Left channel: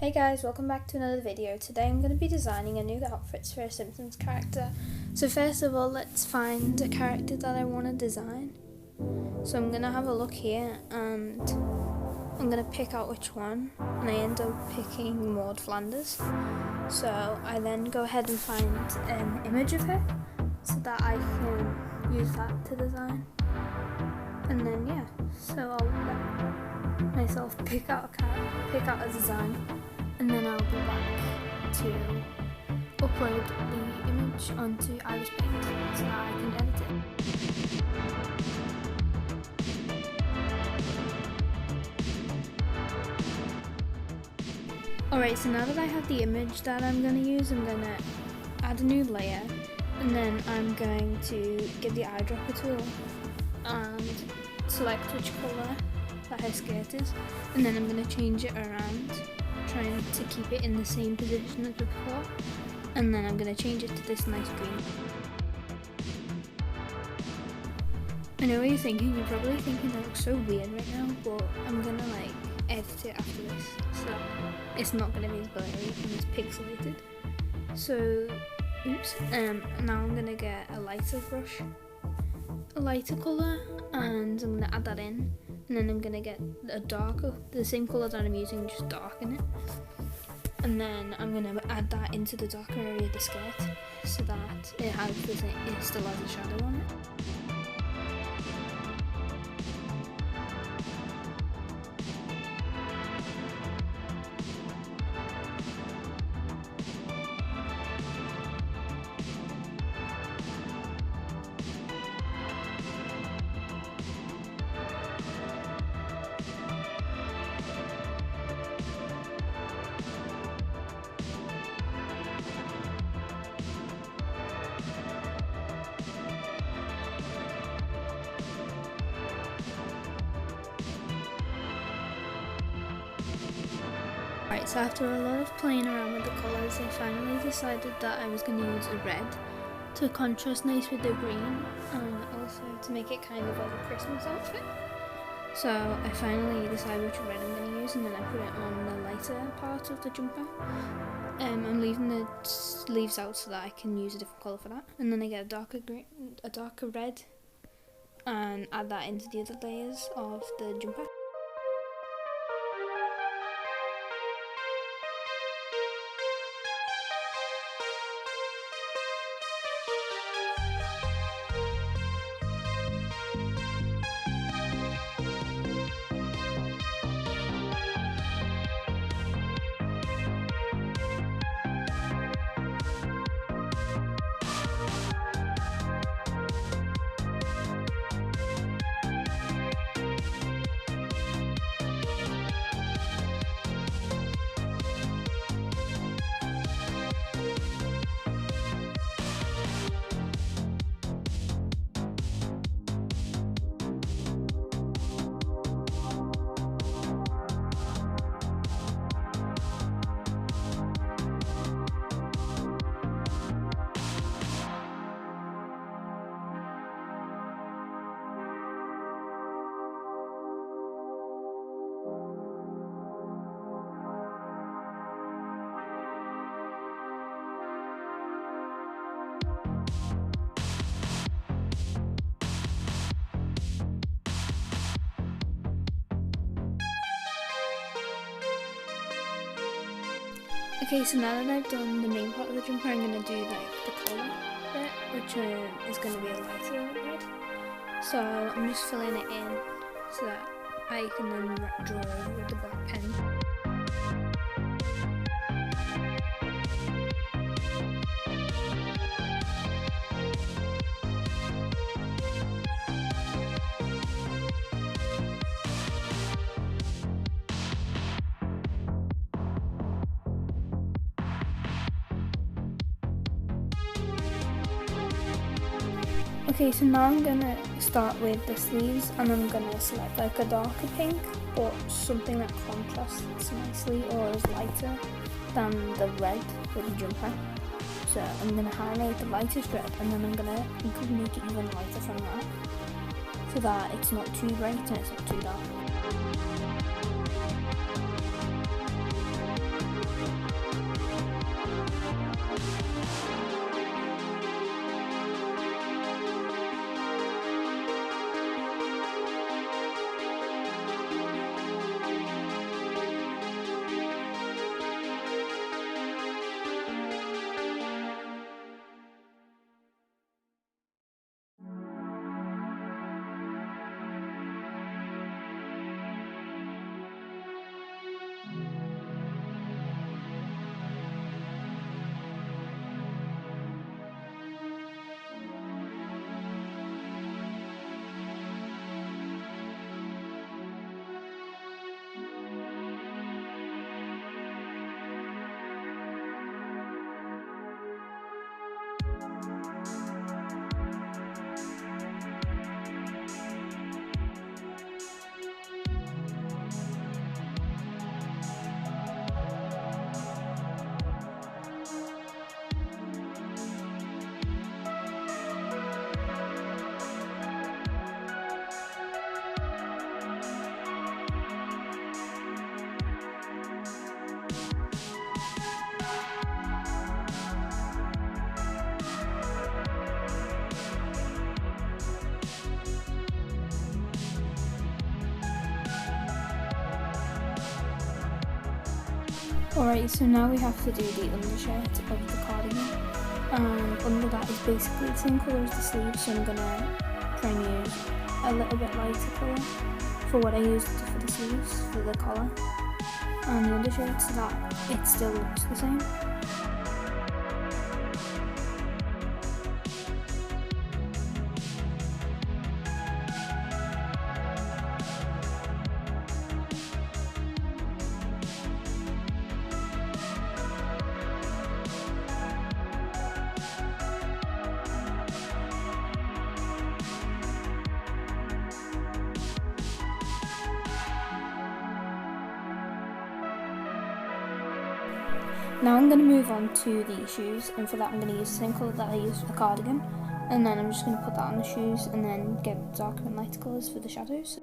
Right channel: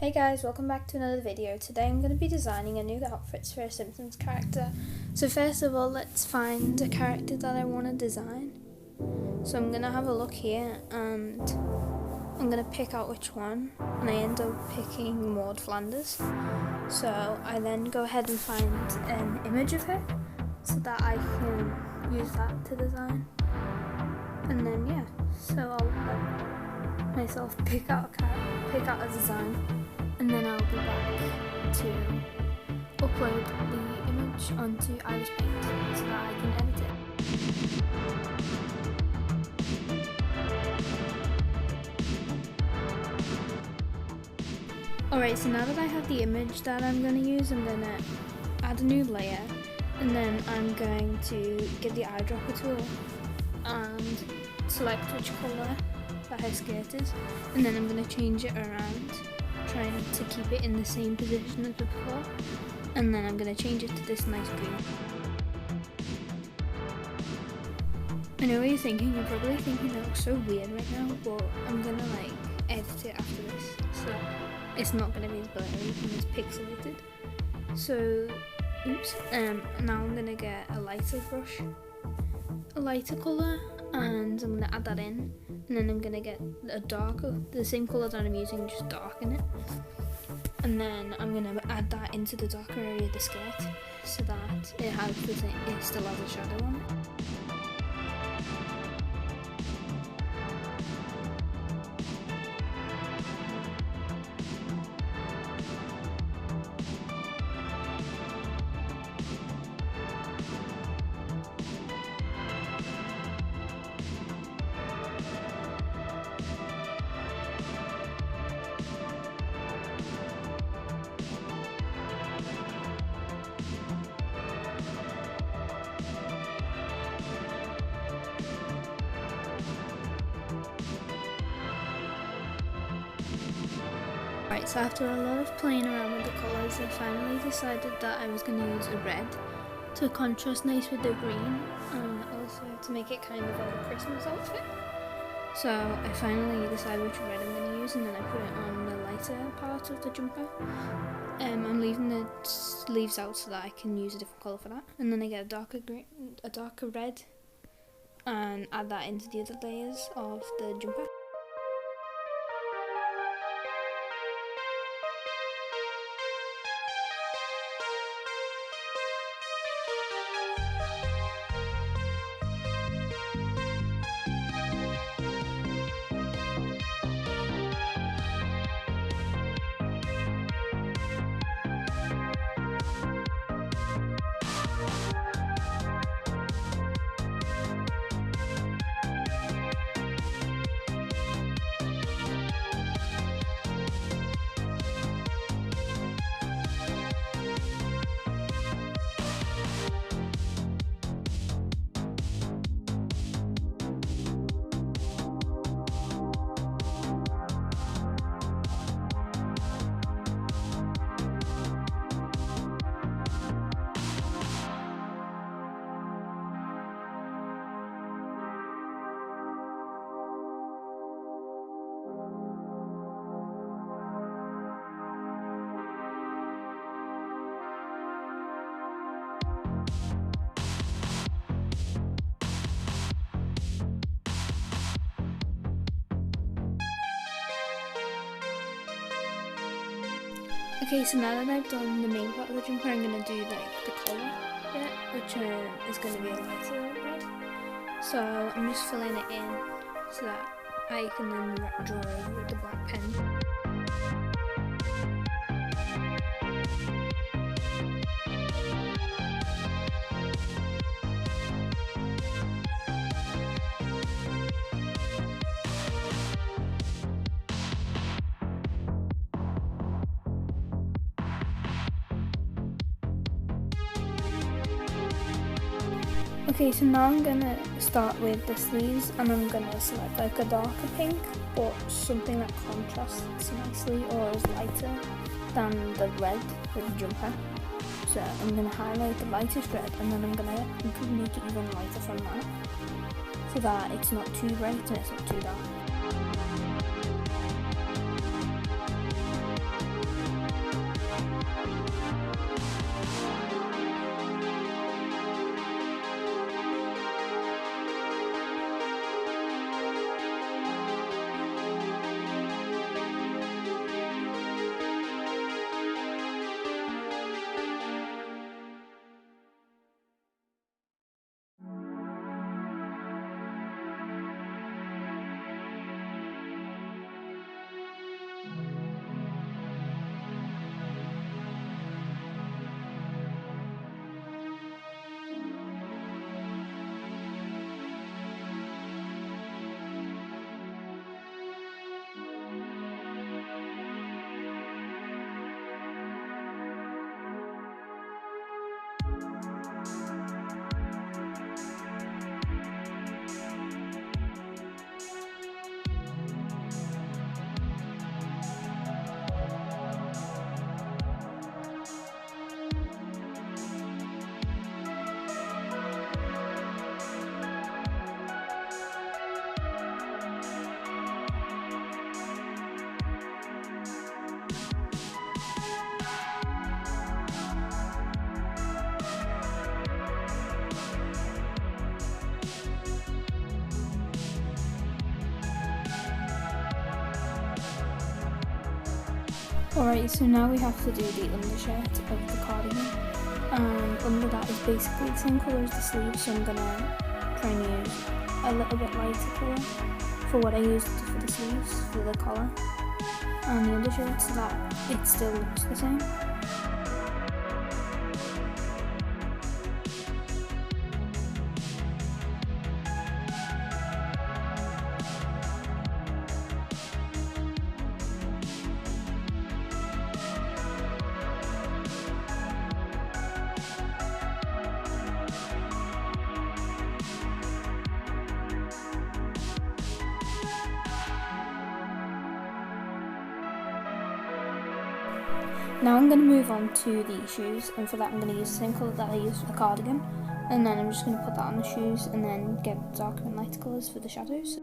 Hey guys, welcome back to another video. Today I'm going to be designing a new outfits for a Simpsons character. So first of all, let's find a character that I want to design. So I'm going to have a look here and I'm going to pick out which one, and I end up picking Maude Flanders. So I then go ahead and find an image of her so that I can use that to design. And then yeah, so I'll let myself pick out a design. And then I'll be back to upload the image onto Iris Paint so that I can edit it. Alright, so now that I have the image that I'm going to use, I'm going to add a new layer, and then I'm going to get the eyedropper tool and select which colour that her skirt is, and then I'm going to change it around, trying to keep it in the same position as before, and then I'm going to change it to this nice green. I know what you're thinking, you're probably thinking that looks so weird right now, but I'm going to edit it after this, so it's not going to be as blurry and as pixelated. So, oops, now I'm going to get a lighter brush, a lighter colour, and I'm going to add that in. And then I'm going to get the same colour that I'm using, just darken it. And then I'm going to add that into the darker area of the skirt so that it still has a shadow on it. Right, so after a lot of playing around with the colours, I finally decided that I was going to use a red to contrast nice with the green, and also to make it kind of like a Christmas outfit. So I finally decided which red I'm going to use, and then I put it on the lighter part of the jumper. I'm leaving the sleeves out so that I can use a different colour for that, and then I get a darker red, and add that into the other layers of the jumper. Okay, so now that I've done the main part of the jumper, I'm going to do the collar bit, which is going to be a lighter red. So I'm just filling it in so that I can then draw over with the black pen. Okay, so now I'm gonna start with the sleeves, and I'm gonna select a darker pink, but something that contrasts nicely or is lighter than the red with the jumper. So I'm gonna highlight the lightest red, and then I'm gonna make it even lighter from that, so that it's not too bright and it's not too dark. Alright, so now we have to do the undershirt of the cardigan, and under that is basically the same colour as the sleeves, so I'm going to try and use a little bit lighter colour for what I used for the sleeves, for the collar and the undershirt, so that it still looks the same. Now I'm going to move on to the shoes, and for that I'm going to use the same colour that I used for the cardigan, and then I'm just going to put that on the shoes and then get darker and lighter colours for the shadows.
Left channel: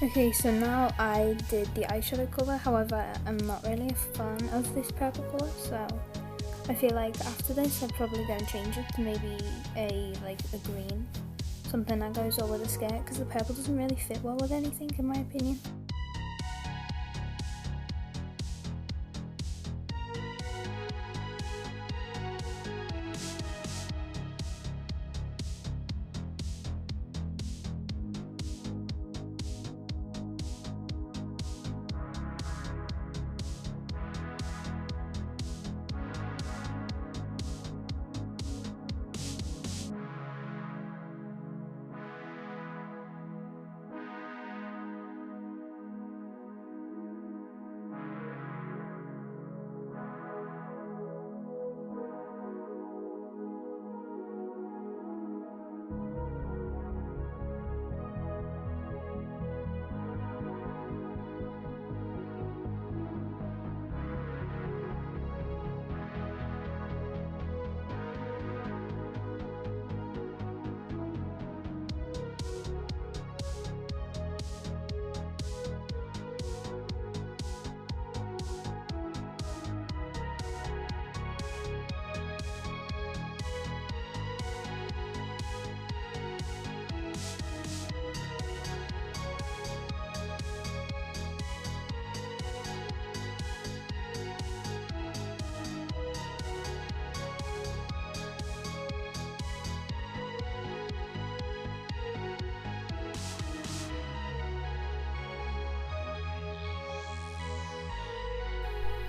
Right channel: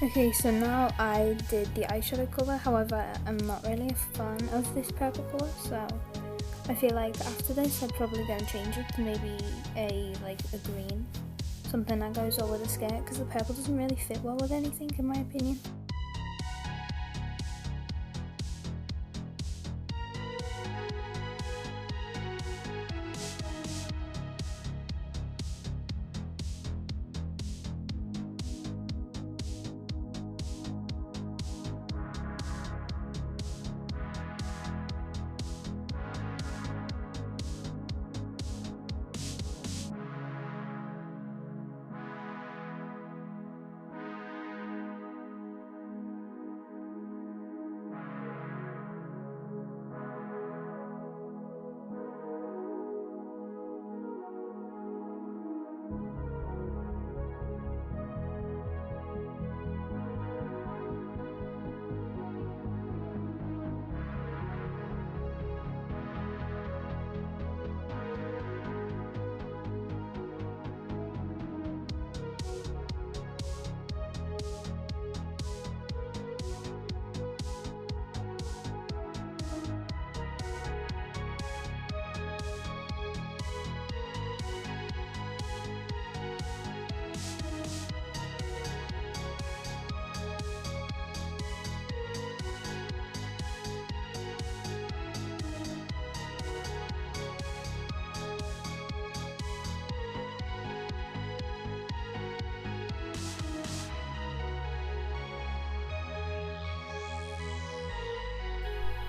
Okay, so now I did the eyeshadow colour, however I'm not really a fan of this purple colour, so I feel like after this I'd probably go and change it to maybe a green, something that goes well with the skirt, because the purple doesn't really fit well with anything in my opinion.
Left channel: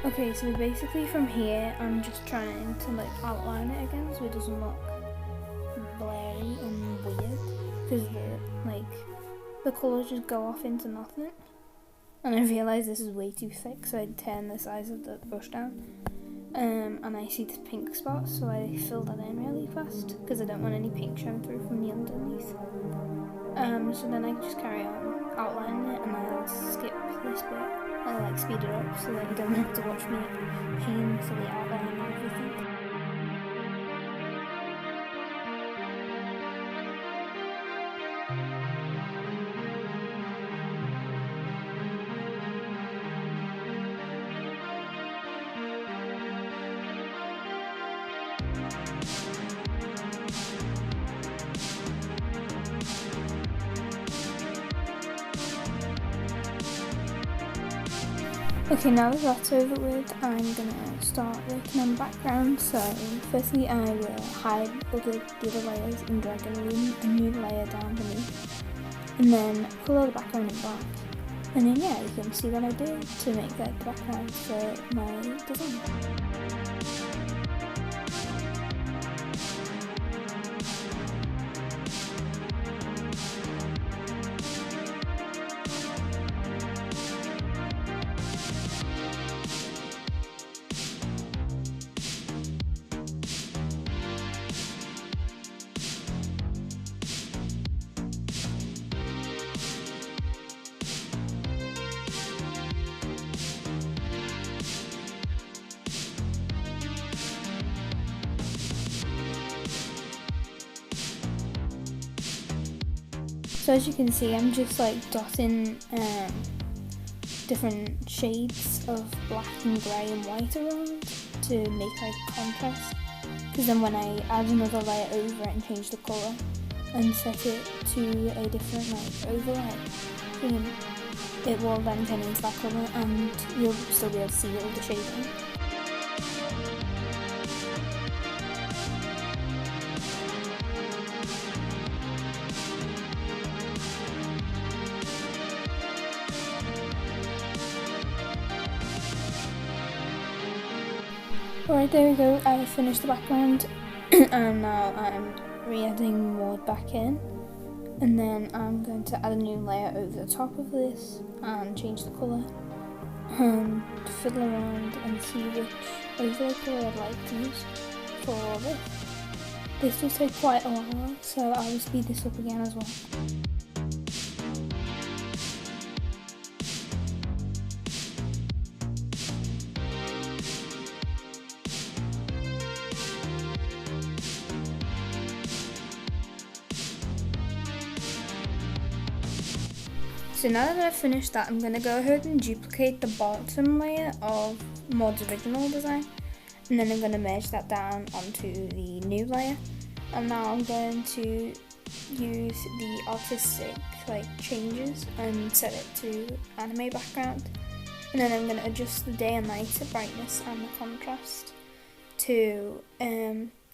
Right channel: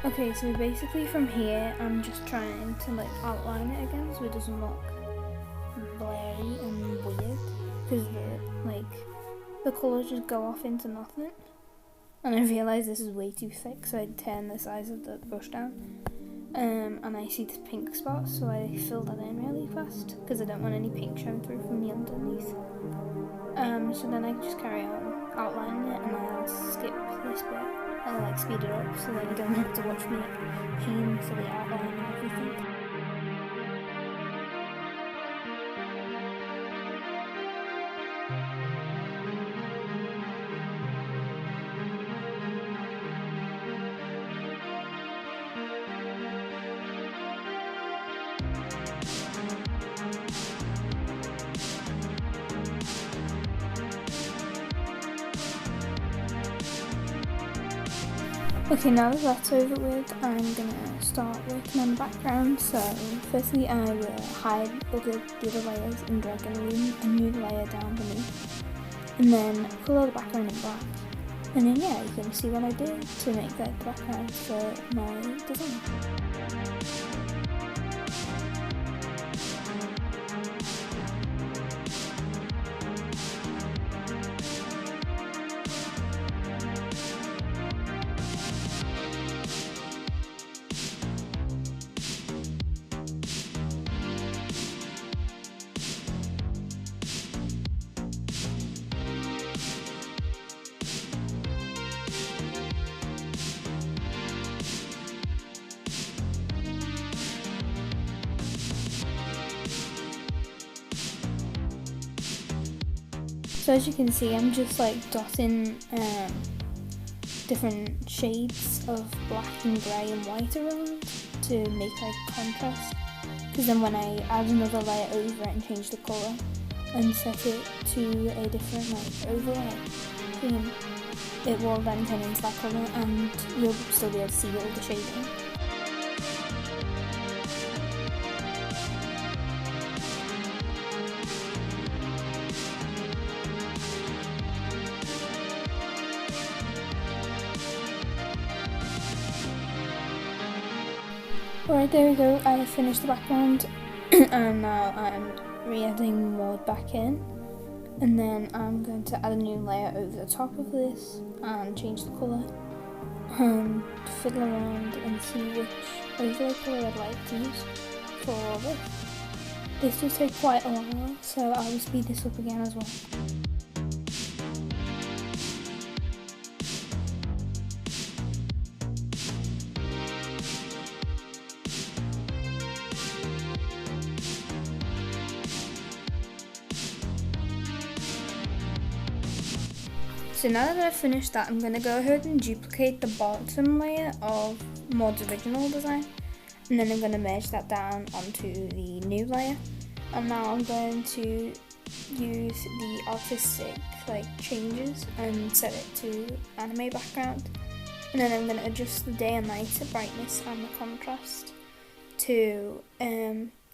Okay, so basically from here I'm just trying to outline it again so it doesn't look blurry and weird, because the like the colours just go off into nothing. And I realised this is way too thick, so I turned the size of the brush down. And I see this pink spot, so I fill that in really fast because I don't want any pink showing through from the underneath. So then I just carry on outlining it, and I'll skip this bit. I'll like speed it up so that you don't have to watch me painfully outlining everything. Okay, now that that's over with, I'm gonna start working on the background. So firstly I will hide all the other layers and drag a new layer down beneath, and then colour the background in black, and then yeah, you can see what I do to make that the background for my design. So as you can see, I'm just like dotting different shades of black and grey and white around to make like contrast, because then when I add another layer over it and change the colour and set it to a different like overlay theme, it will then turn into that colour and you'll still be able to see all the shading. Alright, there we go, I finished the background and now I'm re-adding Maude back in, and then I'm going to add a new layer over the top of this and change the colour and fiddle around and see which overlay colour I'd like to use for this. This does take quite a while, so I will speed this up again as well. So now that I've finished that, I'm going to go ahead and duplicate the bottom layer of Maude's original design, and then I'm going to merge that down onto the new layer. And now I'm going to use the artistic changes and set it to anime background, and then I'm going to adjust the day and night brightness and the contrast to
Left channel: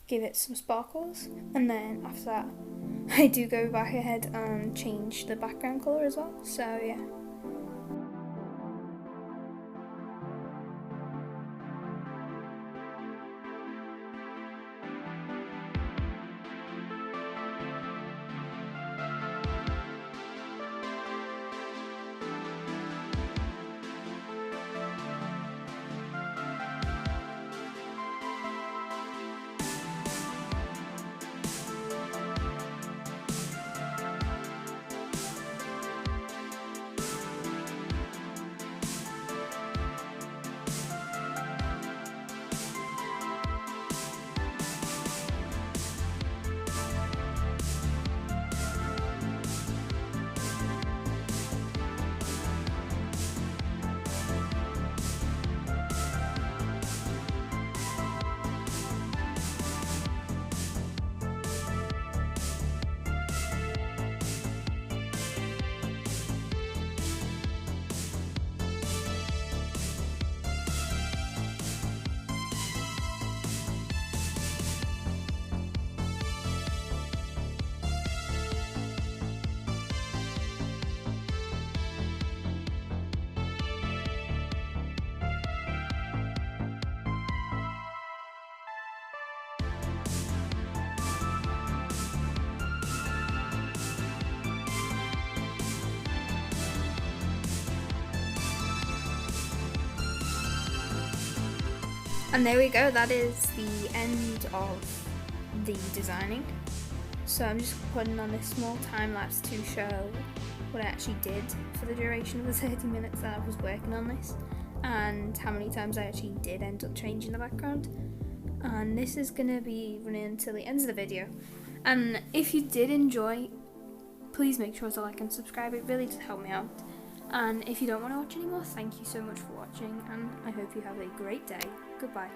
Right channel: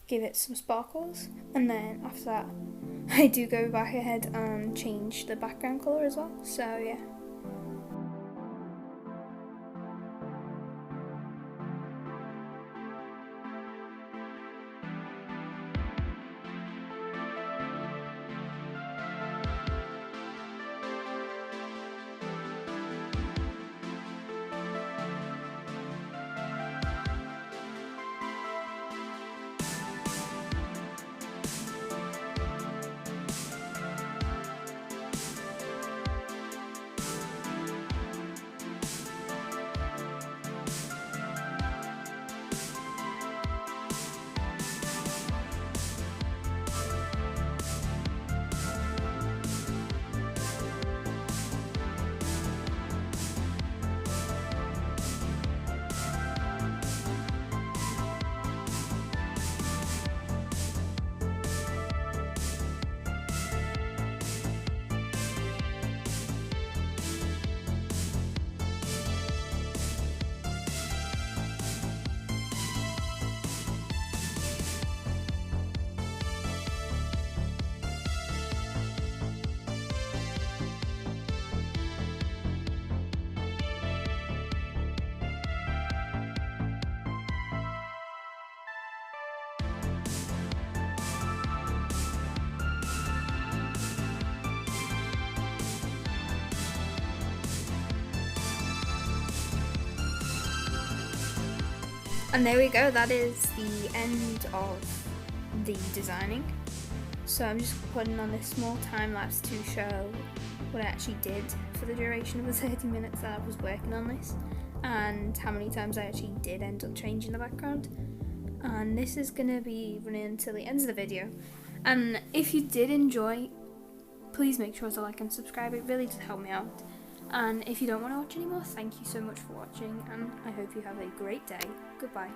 give it some sparkles, and then after that I do go back ahead and change the background colour as well, so yeah. And there we go, that is the end of the designing. So I'm just putting on this small time lapse to show what I actually did for the duration of the 30 minutes that I was working on this, and how many times I actually did end up changing the background. And this is going to be running until the end of the video. And if you did enjoy, please make sure to like and subscribe, it really does help me out. And if you don't want to watch anymore, thank you so much for watching, and I hope you have a great day. Goodbye.